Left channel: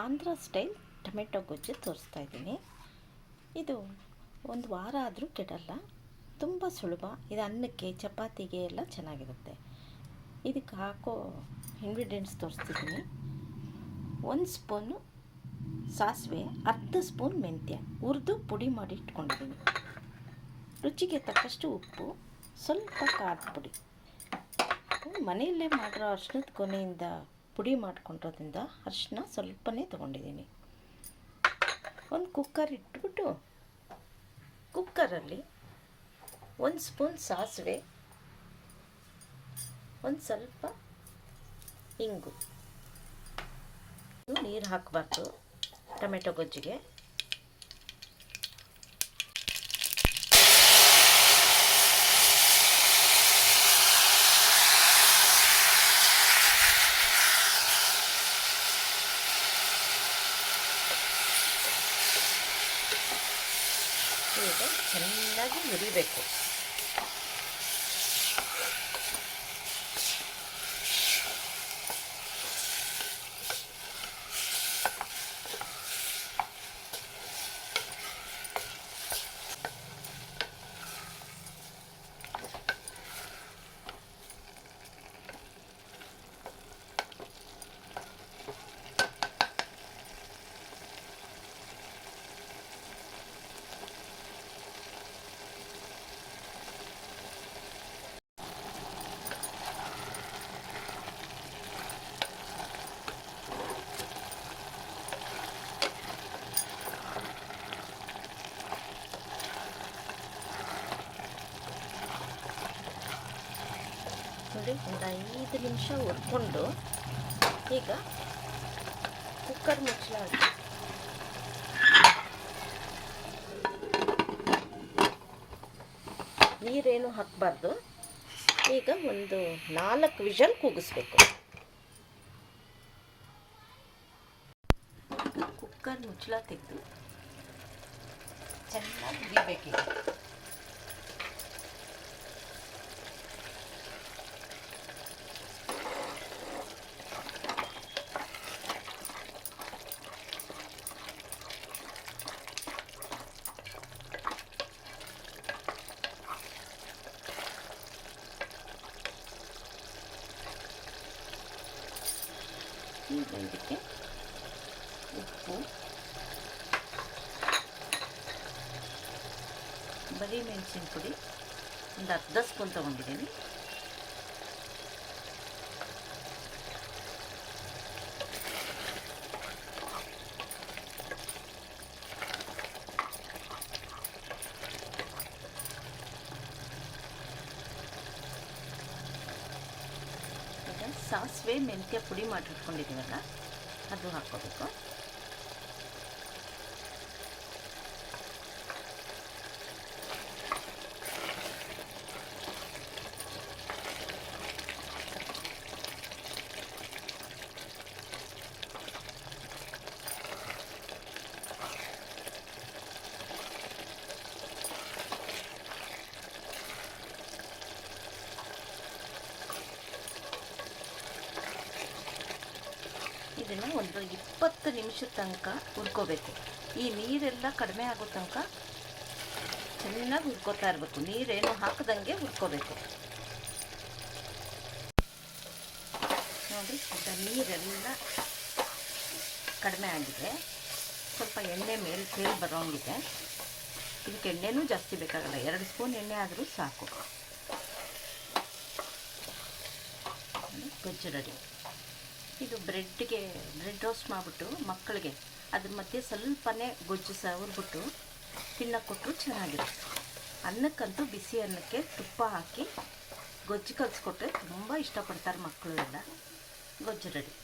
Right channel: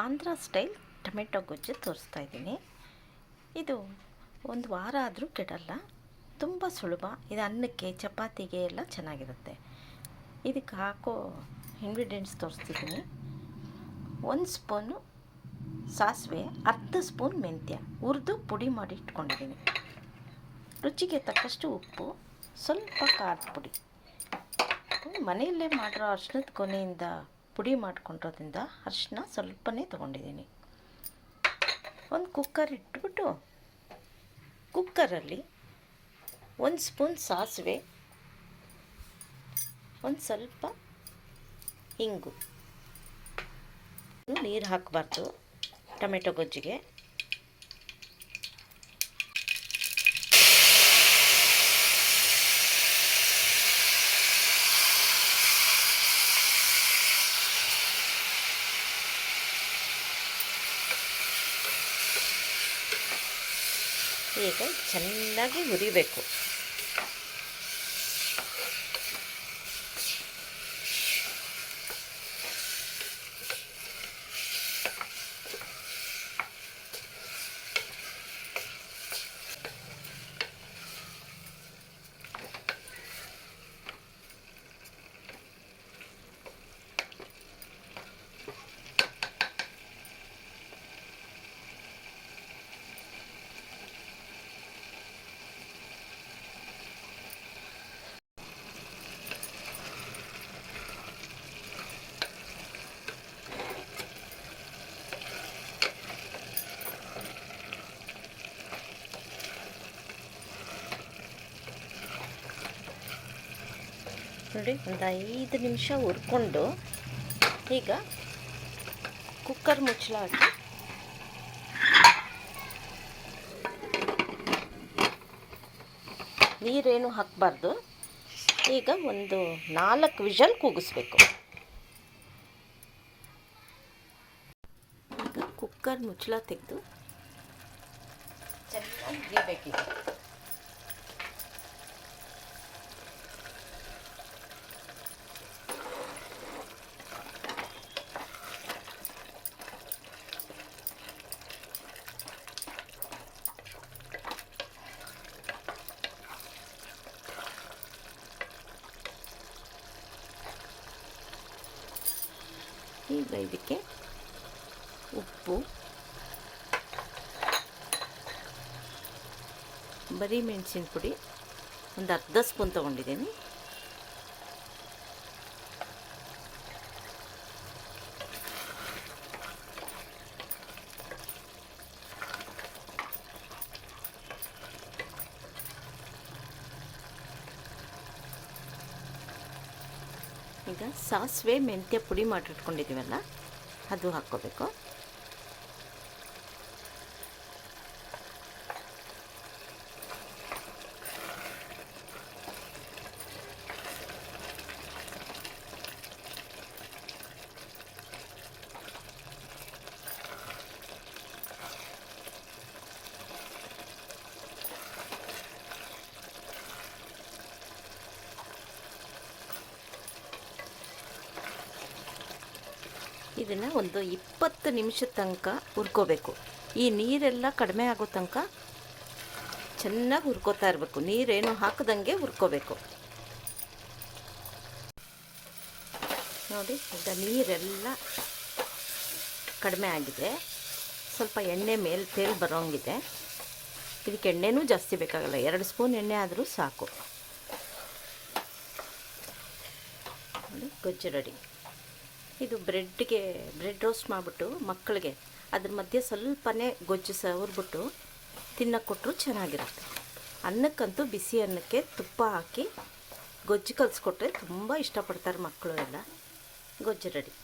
Andhra style tomato ಗೊಜ್ಜು ತೋರಿಸ್ತಾ ಇದ್ದೀನಿ. ಇದು ಒಂದು ವಾರ ಆದರೂ ಕೆಡಲ್ಲ, ತುಂಬ ಸುಲಭ. ಇದು ಅನ್ನಕ್ಕೆ ಚಪಾತಿಗೆ ಎಲ್ಲ ಚೆನ್ನಾಗಿರುತ್ತೆ. ಇದಕ್ಕೆ ಹಾಕೋ ಇಂಗ್ರೀಡಿಯೆಂಟ್ಸ್ ತೋರಿಸ್ತಿದ್ದೀನಿ. 1 ಸ್ಪೂನು ಸಾಸಿವೆ, ಅರ್ಧ ಸ್ಪೂನ್ ಮೆಂತ್ಯ ಹುರಿದು ಪುಡಿ ಮಾಡಿ ಇಟ್ಕೊಂಡಿದ್ದೀನಿ. ರುಚಿಗೆ ತಕ್ಕಷ್ಟು ಉಪ್ಪು, ಸ್ವಲ್ಪ ಖಾರದ ಪುಡಿ. ಮನೆಯಲ್ಲೇ ಮಾಡಿರೋ ಅರಿಶಿಣದ ಕೊನೆಯಿಂದ ಪುಡಿ ಮಾಡ್ಕೊಂಡಿರೋದ್ರಿಂದ ಅರಿಶಿನ ಸ್ವಲ್ಪನೇ ತೊಗೊಂಡಿದ್ದೀನಿ. ಒಂದು ಕುಕ್ಕರ್ ಇಟ್ಬಿಟ್ಟು ಕುಕ್ಕರಲ್ಲಿ 1 ಸ್ಪೂನ್ ಸಾಸಿವೆ, ಒಂದು ಸ್ವಲ್ಪ ಇಂಗು. ನೀರು ಹಾಕಬಾರ್ದು ಟೊಮೆಟೊ ಗೊಜ್ಜಿಗೆ. ಈಗ ಚೆನ್ನಾಗಿ ಹುರಿಬೇಕು. ನೋಡಿ, ಒಂದು 5 ನಿಮಿಷ ಹುರ್ಕೊಂಡು ಈಗ ಕುಕ್ಕರ್ ಮುಚ್ಚಳ ಹಾಕಿ ನೀರೇನು ಹಾಕಬಾರ್ದು. ಈಗ ಒಂದು 4 ವಿಷಲ್ ಕೂಗಿಸ್ಬೇಕು. ಈಗ ಕುಕ್ಕರ್ ಮುಚ್ಚಳ ತೆಗೆದು ಚೆನ್ನಾಗಿ ಹುರಿಬೇಕೀಗ. ಈಗ ಇದಕ್ಕೆ ಉಪ್ಪು, ಬರೀ ಮೆಣಸಿನ ಪುಡಿ ಒಂದು ಅರ್ಧ ಸ್ಪೂನ್ ತೊಗೊಂಡಿದ್ದೀನಿ. ಈಗ ಸಾಸಿವೆ ಮೆಂತ್ಯ ಪುಡಿ ಮಾಡಿಟ್ಕೊಂಡಿದ್ದೀವಲ್ಲ ಅದು ಹಾಕ್ಕೋಬೇಕು. ಇದನ್ನು ಒಂದು 20 ನಿಮಿಷದ ತನಕ ಹುರ್ಕೋಬೇಕು. ಈ ನೀರೆಲ್ಲ ಕಡಿಮೆ ಆಗೋ ತನಕ ಚೆನ್ನಾಗಿ ಹುರ್ಕೋತಾ ಇರಬೇಕು. ನೀರೇನು ಹಾಕದಂಗೆ ಹುರ್ಕೋಬೇಕು. ನೋಡಿ, ಈಗ ನೀರೆಲ್ಲ ಕಡಿಮೆ ಆಗಿದೆ. ಸ್ವಲ್ಪ ಎಣ್ಣೆ ಮೇಲೆ ತೇಲ್ ಬರೋಂಗಿದೆ. ಇದಕ್ಕೆ ಎಣ್ಣೆನೂ ಜಾಸ್ತಿ ಬೇಕಾಗಲ್ಲ, 2 ಸ್ಪೂನ್ ಎಣ್ಣೆ ಆದರೂ ಸಾಕು. ಗೊಜ್ಜು ರೆಡಿ. ಇದು ಬ್ರೆಡ್ ರೋಸ್ಟ್ ಮಾಡಿಬಿಟ್ಟು ಮಕ್ಕಳಿಗೆ ಅದ್ರ ಮಧ್ಯೆ ಸ್ವಲ್ಪನೇ ಗೊಜ್ಜು ಹುರ್ಬಿಟ್ಟು ತಿನ್ನಕ್ಕೆ ಕೊಟ್ಟರು ಚೆನ್ನಾಗಿರುತ್ತೆ. ಅನ್ನಕ್ಕಂತೂ ಬಿಸಿ ಅನ್ನಕ್ಕೆ ತುಪ್ಪ ಹಾಕಿ ಗೊಜ್ಜು ಕಲಿಸ್ಕೊಟ್ರೆ ತುಂಬ ಇಷ್ಟಪಡ್ತಾರೆ ಮಕ್ಕಳು ಎಲ್ಲ. ಗೊಜ್ಜು ರೆಡಿ.